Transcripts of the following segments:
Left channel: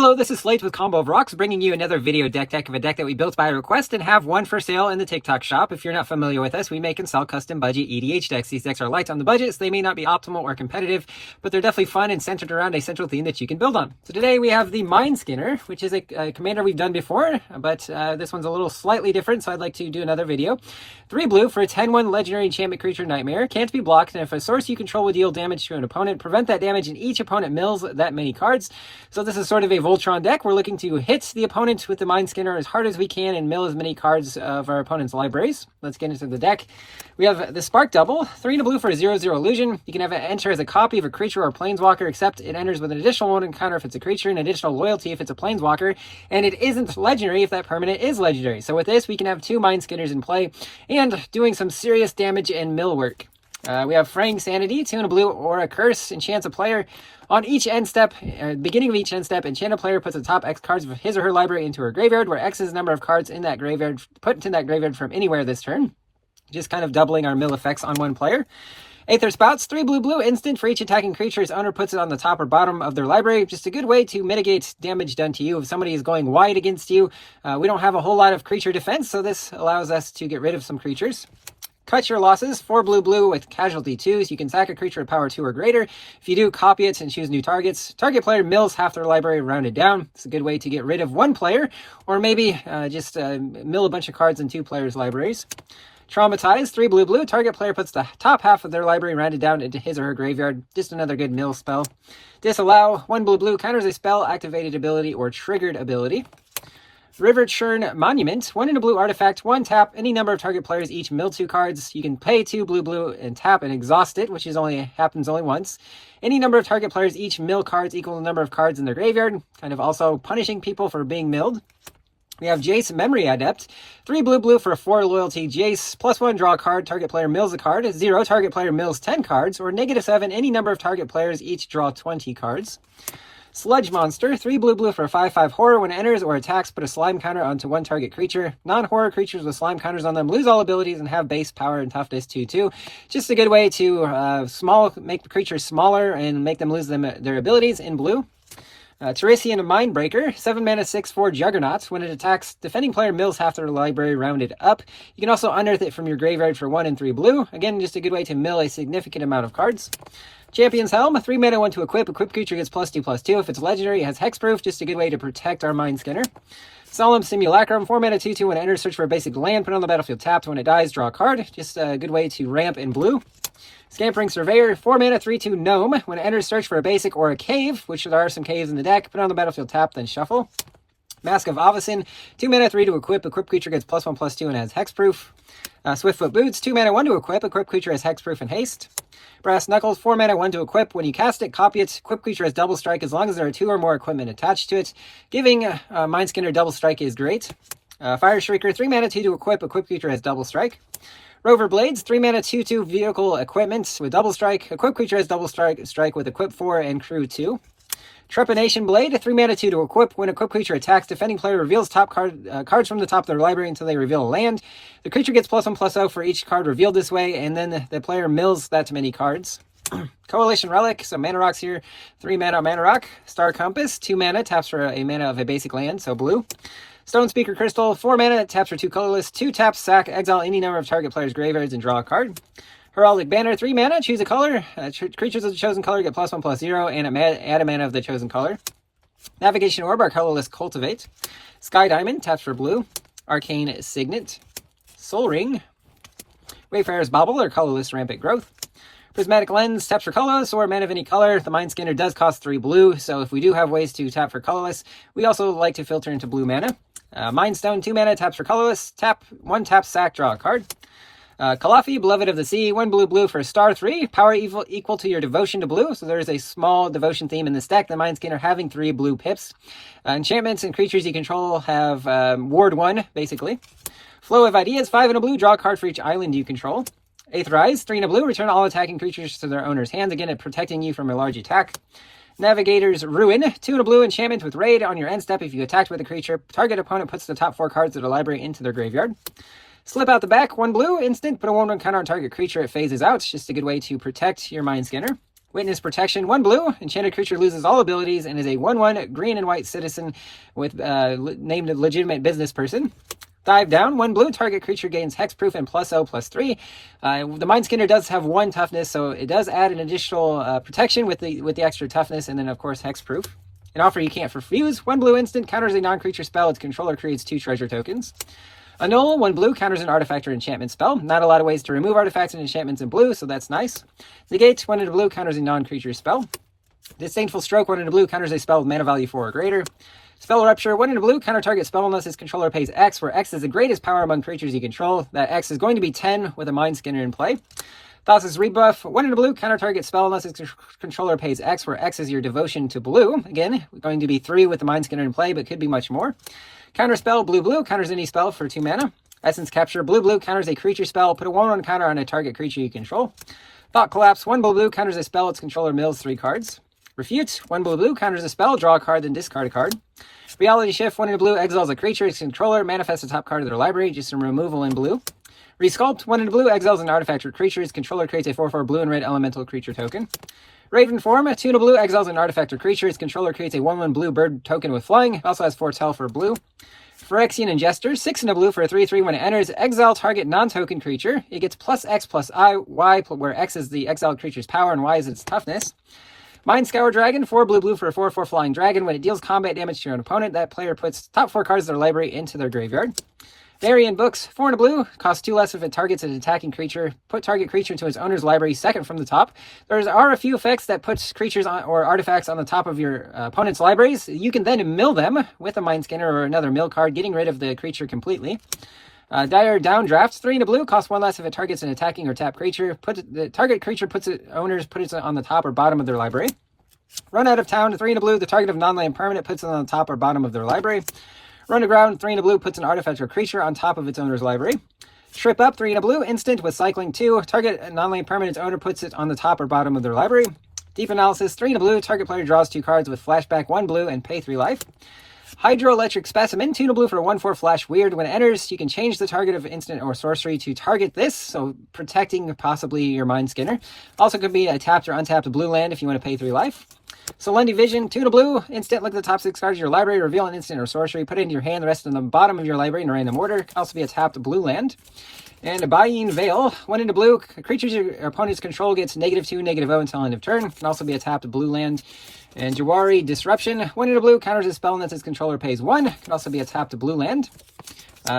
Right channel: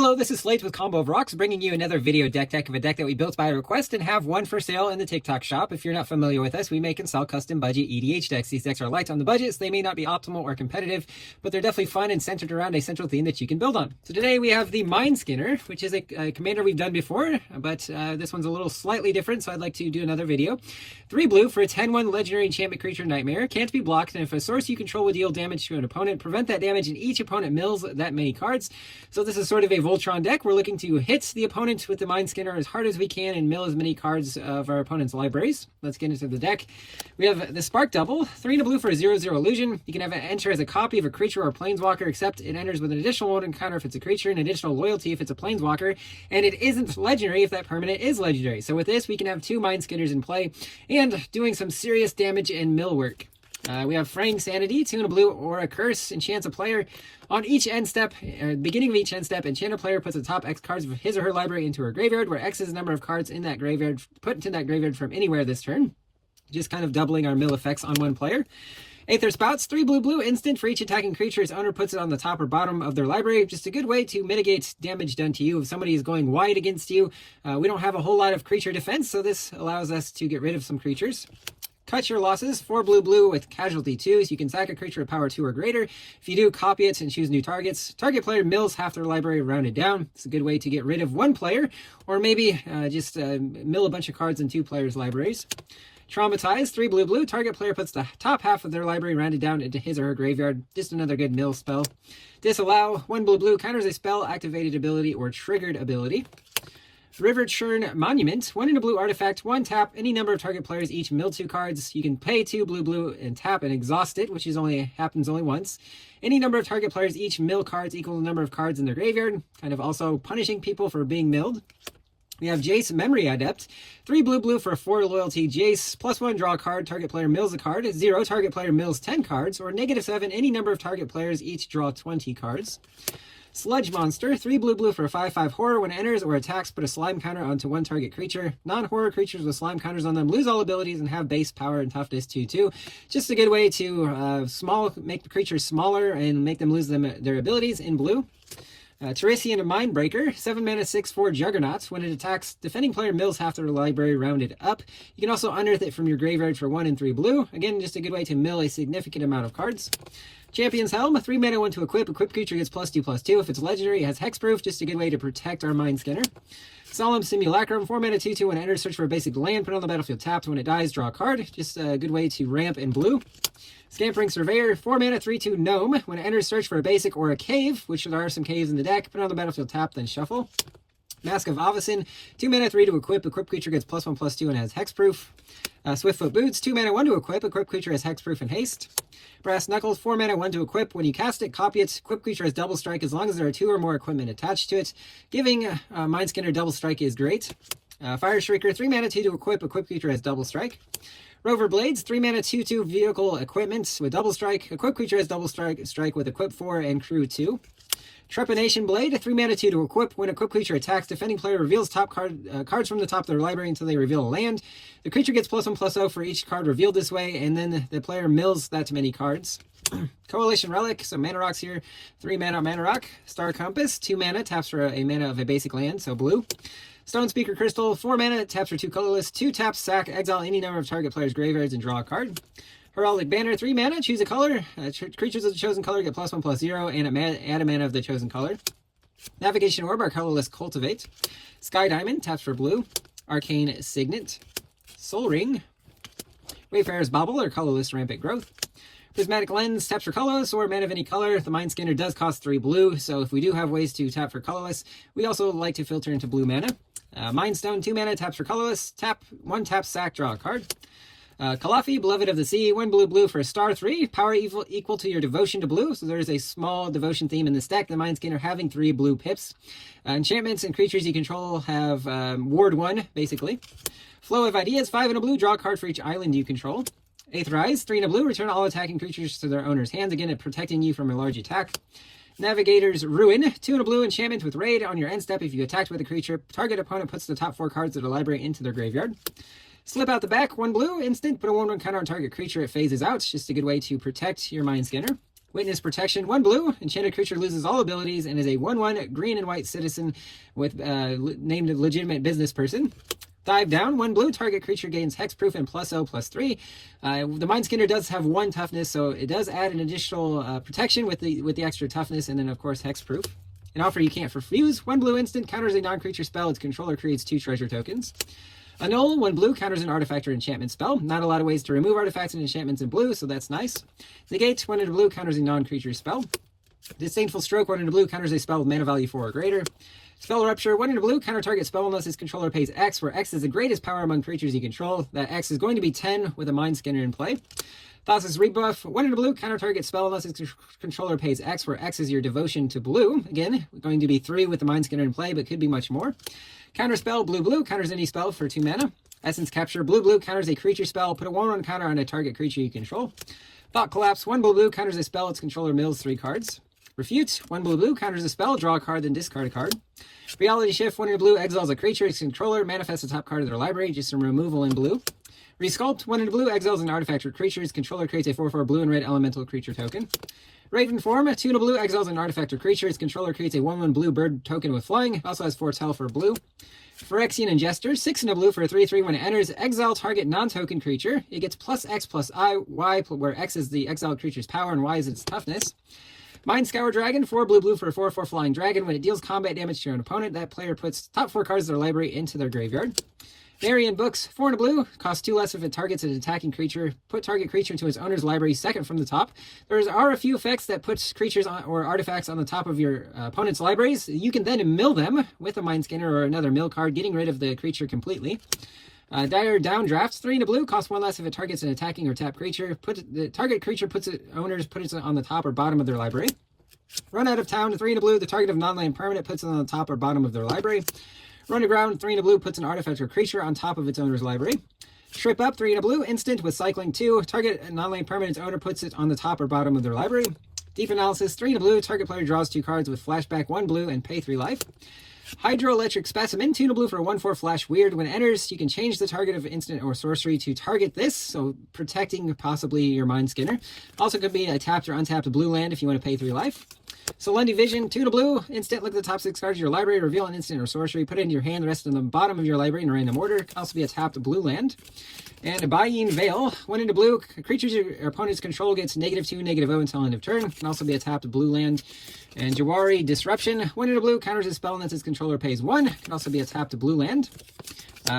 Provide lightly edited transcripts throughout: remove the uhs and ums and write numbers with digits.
Hello, this is Slate with Combo of Rocks, bringing you another video deck of a deck that we built by request and have one for sale in the TikTok shop. If you're not familiar with us, we make and sell custom budget EDH decks. These decks are light on the budget, so they may not be optimal or competitive, but they're definitely fun and centered around a central theme that you can build on. So today we have the Mindskinner, which is a commander we've done before, but this one's a little slightly different, so I'd like to do another video. 3 blue for a 10-1 legendary enchantment creature nightmare. Can't be blocked, and if a source you control will deal damage to an opponent, prevent that damage, and each opponent mills that many cards. So this is sort of a Voltron deck. We're looking to hit the opponent with the Mindskinner as hard as we can and mill as many cards of our opponent's libraries. Let's get into the deck. We have the Spark Double, 3 and a blue for a 0/0 illusion. You can have it enter as a copy of a creature or planeswalker, except it enters with an additional 1 encounter if it's a creature, and additional loyalty if it's a planeswalker, and it isn't legendary if that permanent is legendary. So with this, we can have 2 Mindskinners in play and doing some serious damage and mill work. We have Fraying Sanity, 2 and a blue, or a curse, enchants a player. On each end step, beginning of each end step, enchant a player puts the top X cards of his or her library into her graveyard, where X is the number of cards in that graveyard, put into that graveyard from anywhere this turn. Just kind of doubling our mill effects on one player. Aether Spouts, 3 blue, instant for each attacking creature its owner puts it on the top or bottom of their library. Just a good way to mitigate damage done to you. If somebody is going wide against you, we don't have a whole lot of creature defense, so this allows us to get rid of some creatures. Cut your losses, 4 blue with casualty 2s. You can sack a creature with power 2 or greater. If you do, copy it and choose new targets. Target player mills half their library rounded down. It's a good way to get rid of one player, or maybe just mill a bunch of cards in 2 players' libraries. Traumatize, 3 blue. Target player puts the top half of their library rounded down into his or her graveyard. Just another good mill spell. Disallow, 1 blue counters a spell, activated ability, or triggered ability. River Churn Monument, 1 in a blue artifact, 1 tap, any number of target players each mill 2 cards. You can pay 2 blue and tap and exhaust it, which is happens only once. Any number of target players each mill cards equal the number of cards in their graveyard, kind of also punishing people for being milled. We have Jace Memory Adept, 3 blue for a 4 loyalty Jace, +1 draw a card, target player mills a card, 0 target player mills 10 cards, or -7 any number of target players each draw 20 cards. Sludge Monster, 3 blue for a 5/5 horror. When it enters or attacks, put a slime counter onto one target creature. Non-horror creatures with slime counters on them lose all abilities and have base power and toughness 2/2. Just a good way to make the creatures smaller and make them lose their abilities in blue. Teresian Mindbreaker, 7 mana 6/4 Juggernaut. When it attacks, defending player mills half their library rounded up. You can also unearth it from your graveyard for 1 and 3 blue. Again, just a good way to mill a significant amount of cards. Champion's Helm, 3 mana 1 to equip. Equip creature gets +2/+2. If it's legendary, it has hexproof. Just a good way to protect our Mindskinner. Solemn Simulacrum, 4 mana 2/2. When it enters, search for a basic land, put it on the battlefield tapped. When it dies, draw a card. Just a good way to ramp in blue. Scampering Surveyor, 4 mana 3/2 Gnome. When it enters, search for a basic or a cave, which there are some caves in the deck. Put it on the battlefield tapped, then shuffle. Mask of Avacyn, 2 mana 3 to equip. Equip creature gets +1/+2 and has hexproof. Swiftfoot Boots, 2 mana 1 to equip. Equip creature has hexproof and haste. Brass Knuckles, 4 mana 1 to equip. When you cast it, copy it. Equip creature has double strike as long as there are 2 or more equipment attached to it. Giving Mindskinner double strike is great. Fire Shrieker, 3 mana 2 to equip. Equip creature has double strike. Rover Blades, 3 mana 2/2 vehicle equipment with double strike. Equip creature has double strike with equip 4 and crew 2. Trepanation Blade, 3 mana 2 to equip. When equip creature attacks, defending player reveals top cards from the top of their library until they reveal a land. The creature gets +1/+0 for each card revealed this way, and then the player mills that many cards. Coalition Relic, some mana rocks here. 3 mana mana rock. Star Compass, 2 mana, taps for a mana of a basic land, so blue. Stone Speaker Crystal, 4 mana, taps for 2 colorless. 2 taps, sack, exile any number of target players' graveyards, and draw a card. Heraldic Banner, 3 mana, choose a color. Creatures of the chosen color get +1/+0, and add a mana of the chosen color. Navigation Orb, our colorless Cultivate. Sky Diamond, taps for blue. Arcane Signet. Soul Ring. Wayfarer's Bauble, our colorless Rampant Growth. Prismatic Lens, taps for colorless or mana of any color. The Mindskinner does cost 3 blue, so if we do have ways to tap for colorless, we also like to filter into blue mana. Mindstone, 2 mana, taps for colorless. 1 tap, sack, draw a card. Kalafi, Beloved of the Sea, 1 blue for a star 3. Power equal to your devotion to blue. So there's a small devotion theme in this deck. The Mindskinner having 3 blue pips. Enchantments and creatures you control have Ward 1, basically. Flow of Ideas, 5 and a blue. Draw a card for each island you control. Aetherize, 3 and a blue. Return all attacking creatures to their owner's hands. Again, protecting you from a large attack. Navigator's Ruin, 2 and a blue. Enchantment with Raid. On your end step, if you attacked with a creature, target opponent puts the top 4 cards of the library into their graveyard. Slip out the back, 1 blue, instant, put a 1/1 counter on target creature, it phases out. It's just a good way to protect your Mindskinner. Witness Protection, 1 blue. Enchanted creature loses all abilities and is a 1/1 green and white citizen with named legitimate business person. Dive down, 1 blue. Target creature gains hexproof and +0/+3. The Mindskinner does have 1 toughness, so it does add an additional protection with the extra toughness, and then of course hexproof. An offer you can't refuse. 1 blue instant counters a non-creature spell. Its controller creates 2 treasure tokens. Annul, 1 blue, counters an artifact or enchantment spell. Not a lot of ways to remove artifacts and enchantments in blue, so that's nice. Negate, 1 in blue, counters a non-creature spell. Disdainful Stroke, 1 in blue, counters a spell with mana value 4 or greater. Spell Rupture, 1 in blue, counter target spell unless its controller pays X, where X is the greatest power among creatures you control. That X is going to be 10 with a Mindskinner in play. Thassa's Rebuff, 1 in blue, counter target spell unless its controller pays X, where X is your devotion to blue. Again, going to be 3 with the Mindskinner in play, but could be much more. Counter Spell, blue, counters any spell for 2 mana. Essence Capture, blue, counters a creature spell. Put a 1/1 counter on a target creature you control. Thought Collapse, 1 blue, counters a spell. Its controller mills 3 cards. Refute, 1 blue, counters a spell. Draw a card, then discard a card. Reality Shift, 1 in blue, exiles a creature. Its controller manifests the top card of their library. Just some removal in blue. Resculpt, 1 in blue, exiles an artifact or creature. Its controller creates a 4/4 blue and red elemental creature token. Raven Form, 2 in blue, exiles an artifact or creature. Its controller creates a 1/1 blue bird token with flying. It also has Foretell for blue. Phyrexian Ingester, 6 in a blue for a 3/3 when it enters. Exile target non-token creature. It gets +X+Y, where X is the exiled creature's power and Y is its toughness. Mind Scour Dragon, 4 blue for a 4/4 flying dragon. When it deals combat damage to your own opponent, that player puts top 4 cards of their library into their graveyard. Variant Books, 4 in a blue, costs 2 less if it targets an attacking creature. Put target creature into its owner's library second from the top. There are a few effects that put creatures or artifacts on the top of your opponent's libraries. You can then mill them with a Mindskinner or another mill card, getting rid of the creature completely. Dire Downdraft, 3 in a blue, costs 1 less if it targets an attacking or tap creature. The target creature puts it on the top or bottom of their library. Run Out of Town, 3 in a blue, the target of non-land permanent puts it on the top or bottom of their library. Run Aground, 3 in a blue, puts an artifact or creature on top of its owner's library. Trip Up, 3 in a blue, instant with cycling 2. Target non-land permanent's owner puts it on the top or bottom of their library. Deep Analysis, 3 in a blue, target player draws 2 cards with flashback 1 blue and pay 3 life. Hydroelectric Specimen, 2 in a blue for a 1/4 flash weird. When it enters, you can change the target of instant or sorcery to target this, so protecting possibly your Mindskinner. Also could be a tapped or untapped blue land if you want to pay 3 life. Solendi Vision, 2 in a blue, instant, look at the top 6 cards of your library, reveal an instant or sorcery, put it into your hand, the rest in the bottom of your library in a random order. Can also be a tapped blue land. And a Bayeen Veil, 1 in a blue, creatures your opponent's control gets -2, -0 until end of turn. Can also be a tapped blue land. And Jawari Disruption, 1 in a blue, counters a spell unless its controller pays 1. Can also be a tapped blue land.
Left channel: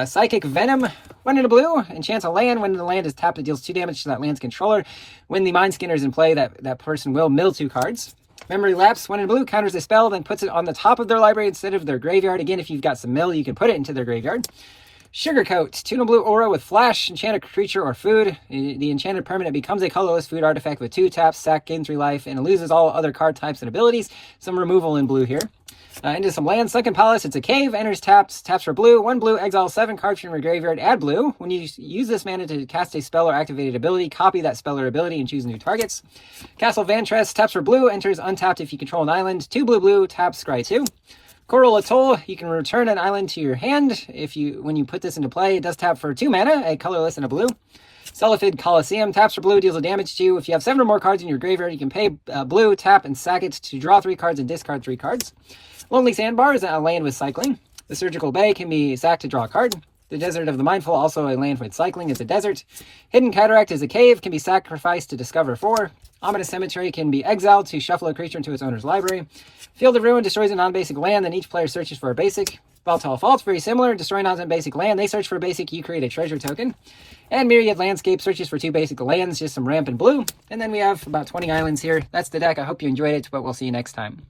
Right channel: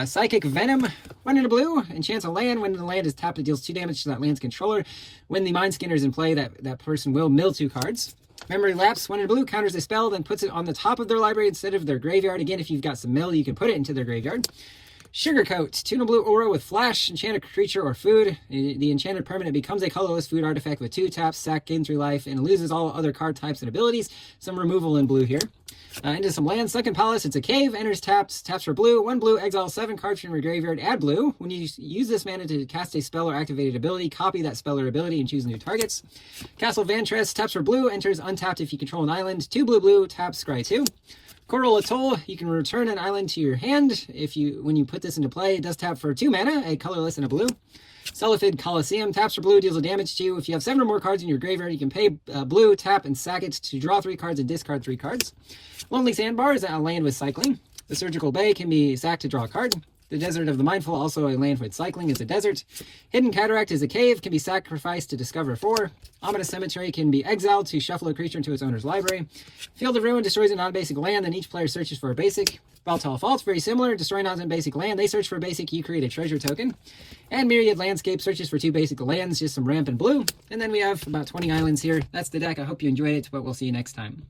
Psychic Venom, 1 in a blue, enchants a land. When the land is tapped, it deals 2 damage to that land's controller. When the Mindskinner is in play, that person will mill 2 cards. Memory Lapse, 1 in blue, counters a spell, then puts it on the top of their library instead of their graveyard. Again, if you've got some mill, you can put it into their graveyard. Sugarcoat, 2 in blue aura with flash, enchant a creature or food. The enchanted permanent becomes a colorless food artifact with 2 taps, sack, gain 3 life, and it loses all other card types and abilities. Some removal in blue here. Into some land. Sunken Palace, it's a cave, enters taps for blue. 1 blue, exile 7 cards from your graveyard, add blue. When you use this mana to cast a spell or activated ability, copy that spell or ability and choose new targets. Castle Vantress, taps for blue, enters untapped if you control an island. 2 blue, taps, scry 2. Coral Atoll, you can return an island to your hand. When you put this into play, it does tap for 2 mana, a colorless and a blue. Cephid Coliseum, taps for blue, deals a damage to you. If you have 7 or more cards in your graveyard, you can pay blue, tap, and sack it to draw 3 cards and discard 3 cards. Lonely Sandbar is a land with cycling. The Surgical Bay can be sacked to draw a card. The Desert of the Mindful, also a land with cycling, is a desert. Hidden Cataract is a cave, can be sacrificed to discover 4. Ominous Cemetery can be exiled to shuffle a creature into its owner's library. Field of Ruin destroys a non-basic land, then each player searches for a basic. Baltal Fault, very similar. Destroy non-basic land, they search for a basic, you create a treasure token. And Myriad Landscape searches for 2 basic lands, just some ramp and blue. And then we have about 20 islands here. That's the deck. I hope you enjoyed it, but we'll see you next time.